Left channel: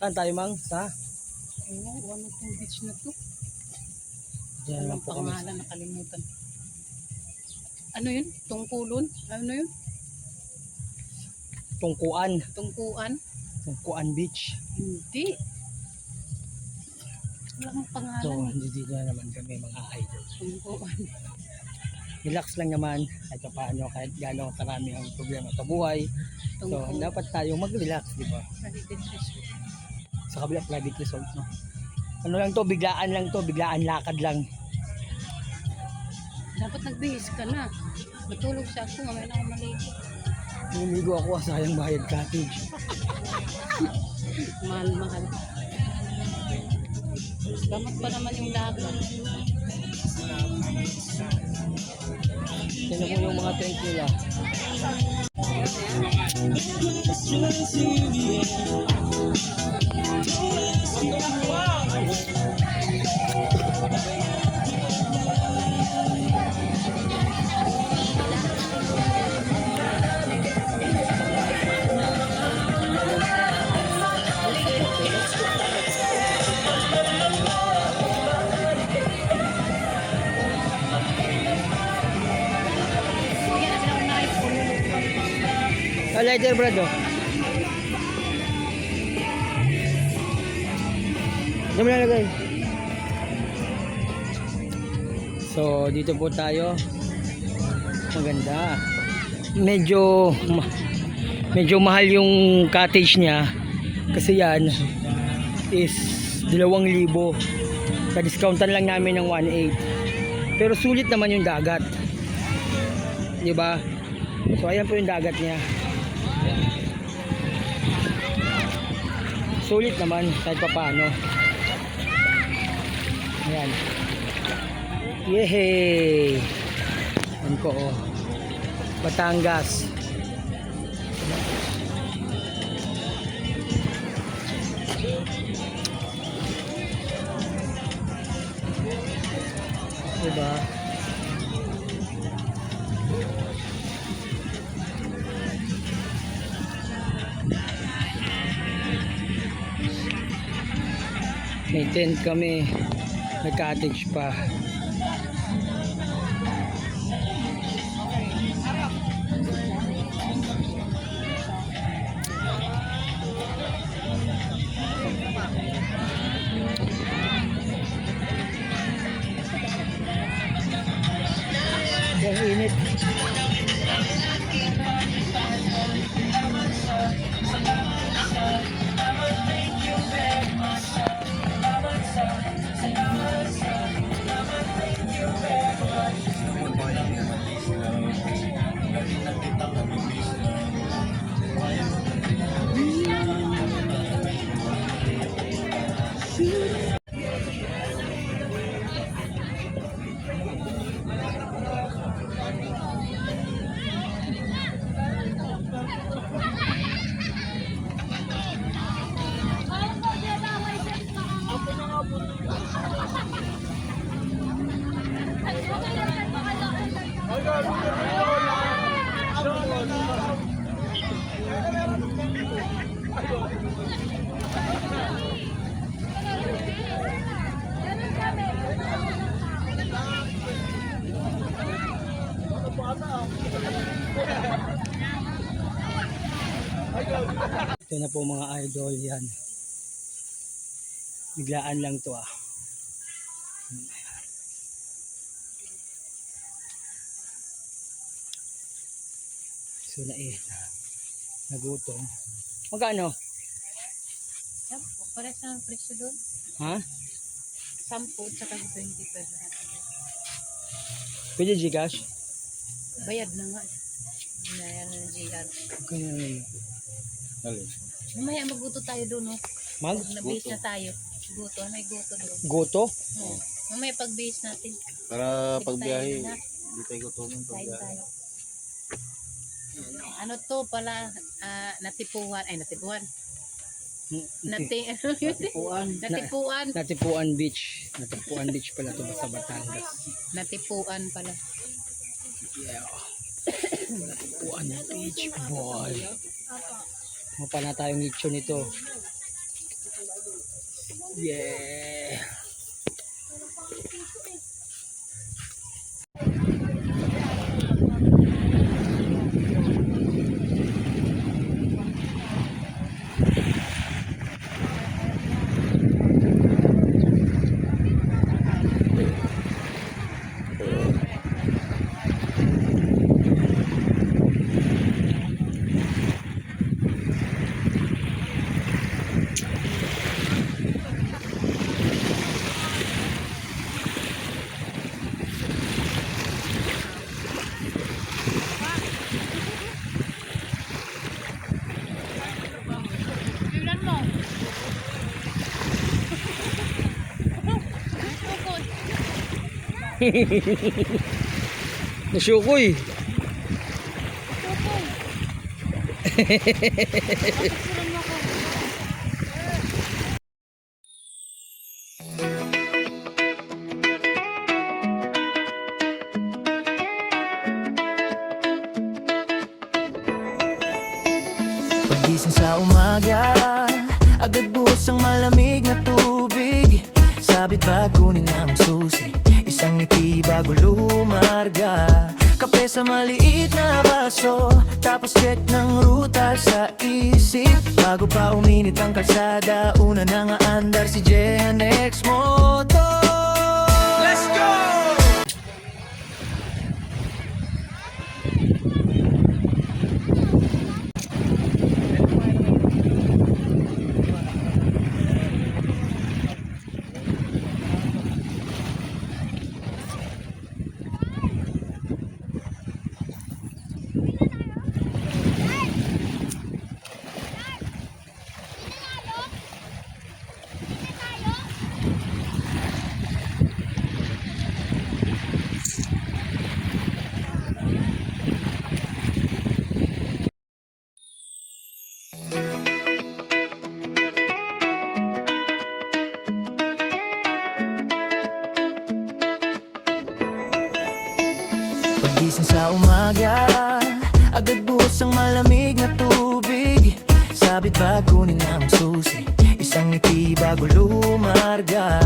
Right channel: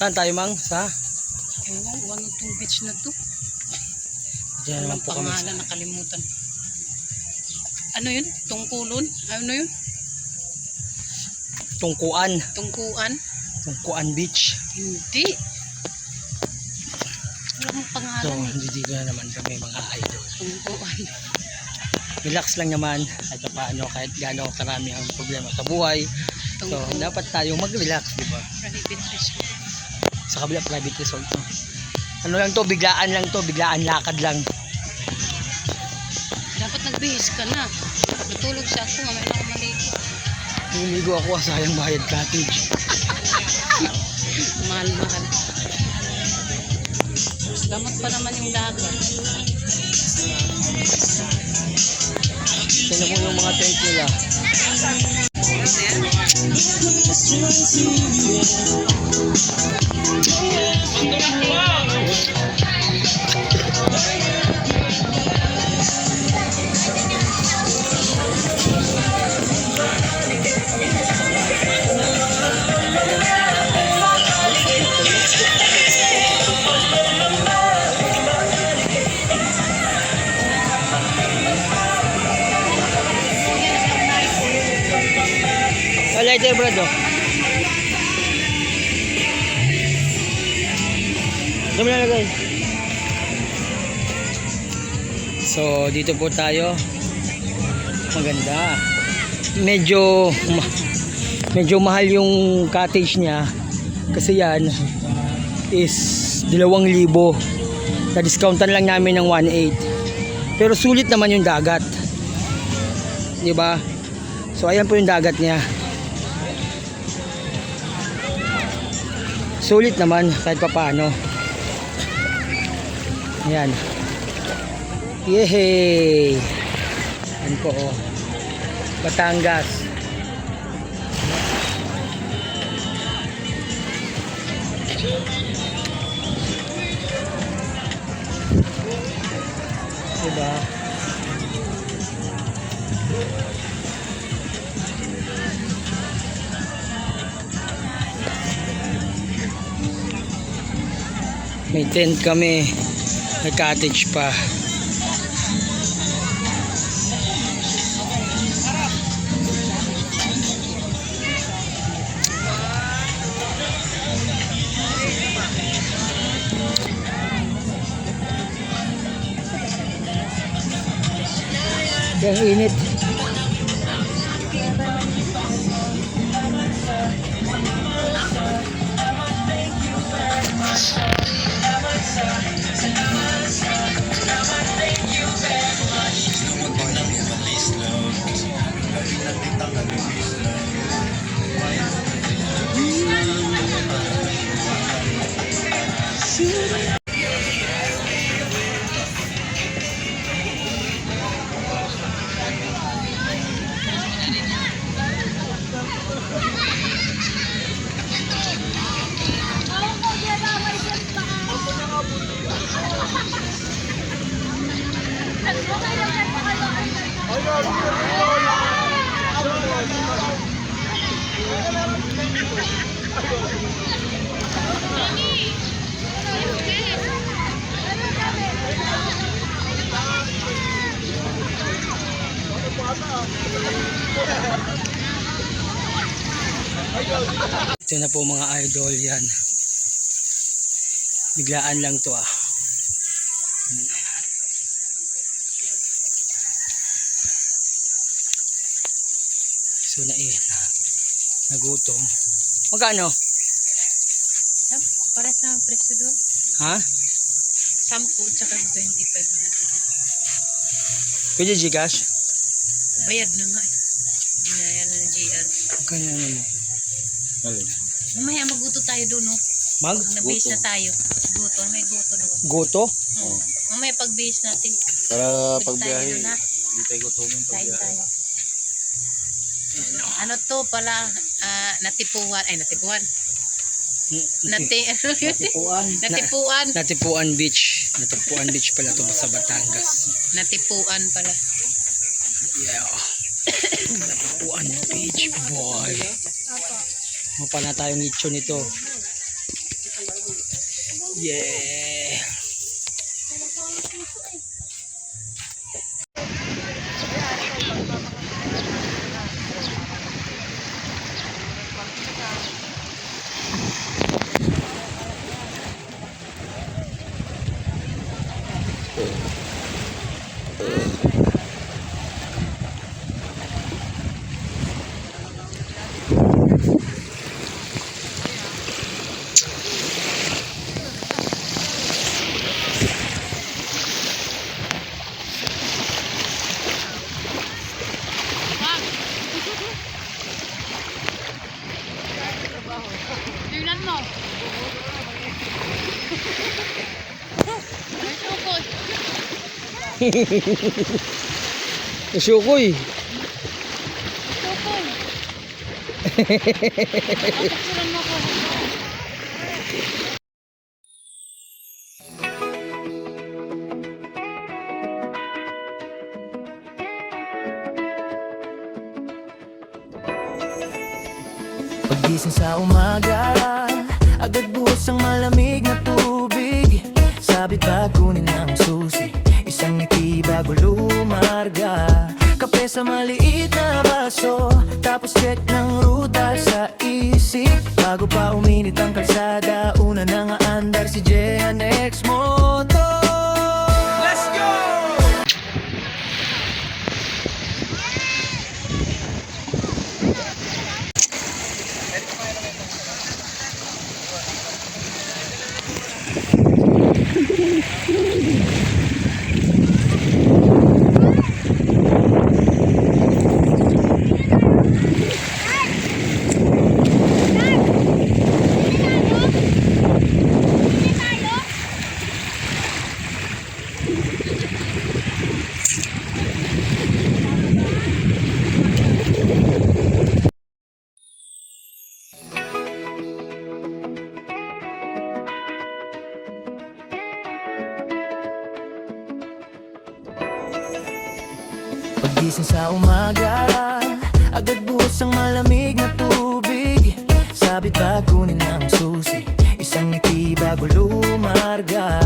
Saan tayo, Mang? Sa? Ewan, ano itong beach na to? Diyan naman Walang po kami. pangalan, nakalimutan. Ano yun? Tungkulon? Ano yun? Tungkuan. Tungkuan? Tungkuan Beach. Hindi. Walang So, pangalan. dito na naman kami mga idol. Tungkuan. Relax lang naman at paano kahit gaano karami ang problema sa buhay. So, Tungkuan. dapat tayo mag-relax, di ba? Private resort. Sa kabila, private resort to. Ano lang to, biglaan lang to, biglaan lakad lang. Dapat nagbihis ka na. Natulog siya ako, mamaya na ako maligo. Niligo ako, sayang bayad cottage. Mahal-mahal. Damat pa naman yung dagat. Sino po yung mga tent nila? Lighter brad oh. Dami na lagay. So dito po tayo. Maganda. Medyo mahal yung cottage niya kasi yan is 2,000. Na discountan lang namin ng 1,800. Pero sulit naman yung dagat. 'Di ba? So ayan po yung dagat niya. Sulit naman kahit pa paano. Ayan. Yehey! Ayan po oh. Batangas. Diba? May tent kami, may cottage pa. Ang init. Ito na po mga idol, yan. Biglaan lang to ah. So nagutom. Magkano? Para sa presyo doon. Ha? 10 tsaka 25 natin. Pwede Gcash? Bayad na nga eh. Inayan ng GR. Kaya naman. Mamaya maguto tayo doon, no? Na-base na tayo. Guto, may guto doon. Goto? Oo. Mamaya pag-base natin. Para Pag pagbiyahe, tayo na. hindi tayo gutumin Kain pagbiyahe. tayo. Ano to pala, natipuan. Ay, natipuan. Natipuan. Natipuan. Natipuan Beach. Natipuan Beach pala to sa Batangas. Natipuan pala. Yeah. Natipuan Beach boy. Mapa na tayong lechon nito. Yeah. Tingnan mo. Ay, tukod. Nasyukoy. Tukod. Patukuran mo ko. Paggising sa umaga, agad buhos ang malamig na tubig. Sabit ba kunin ang susi, isang ngiti bago lumarga. Kape sa maliit na baso, tapos check ng ruta sa isip. Bago pa uminit ang kalsada, una nang aandar si Jehan X Moto. Let's go! Paggising sa umaga, agad buhos ang malamig na tubig. Sabit ba kunin ang susi, isang ngiti bago lumarga.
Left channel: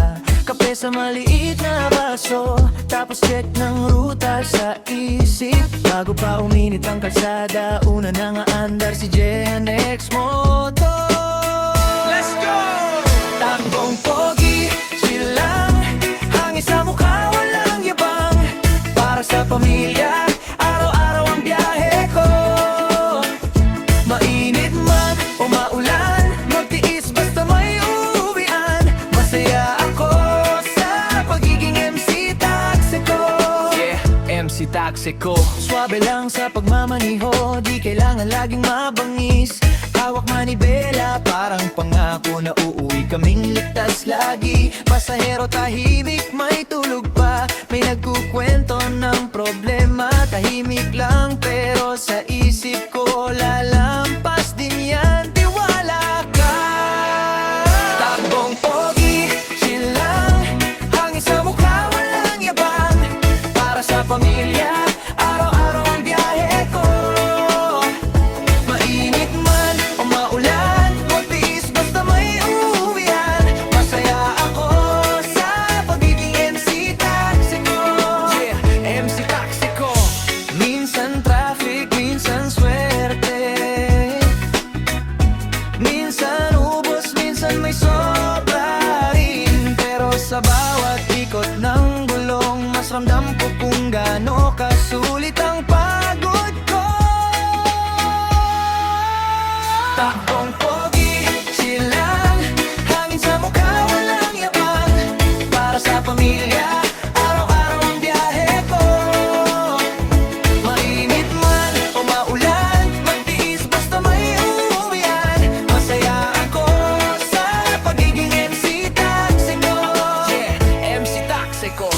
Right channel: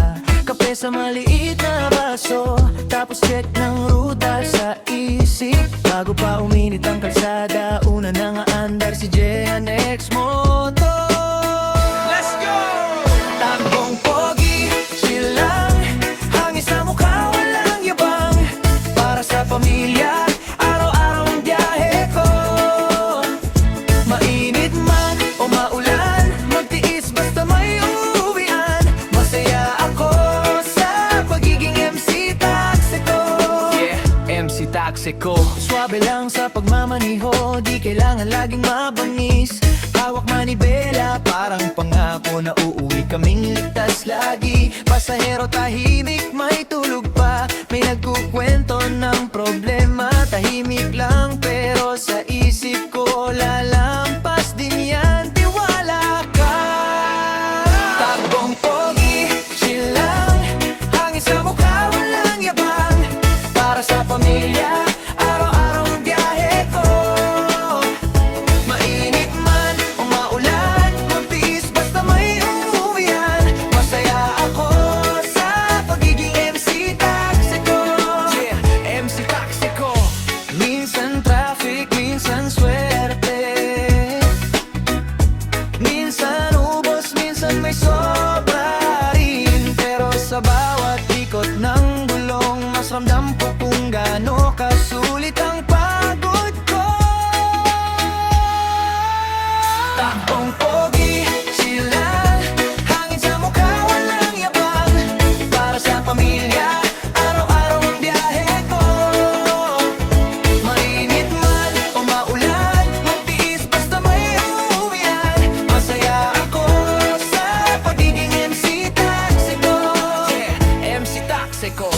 Kape sa maliit na baso, tapos check ng ruta sa isip. Bago pa uminit ang kalsada, una nang aandar si Jehan X Moto. Let's go! Takbong pogi, chill lang, hangin sa mukha, walang yabang. Para sa pamilya, araw-araw ang biyahe ko. Mainit man o maulan, magtiis basta may uuwian. Masaya ako sa pagiging MC Taxico. Yeah, MC Taxico. Swabe lang sa pagmamaniho, di kailangan laging mabangis. Hawak manibela, parang pangako na uuwi kaming ligtas lagi. Pasahero tahimik, may tulog pa, may nagkukwento ng problema. Tahimik lang pero sa isip ko lalampas din yan, tiwala ka. Takbong pogi, chill lang, hangin sa mukha, walang yabang. Para sa pamilya, araw-araw ang biyahe ko. Mainit man o maulan, magtiis basta may uuwian. Masaya ako sa pagiging MC Taxico. Yeah, MC Taxico. Minsan traffic, minsan swerte, minsan ubos, minsan may sobra rin. Pero sa bawat ikot ng gulong, mas ramdam ko kung gaano kasulit ang pagod ko. Takbong pogi, chill lang, hangin sa mukha, walang yabang. Para sa pamilya, araw-araw ang biyahe ko. Mainit man o maulan, magtiis basta may uuwian. Masaya ako sa pagiging MC Taxico. Yeah, MC Taxico.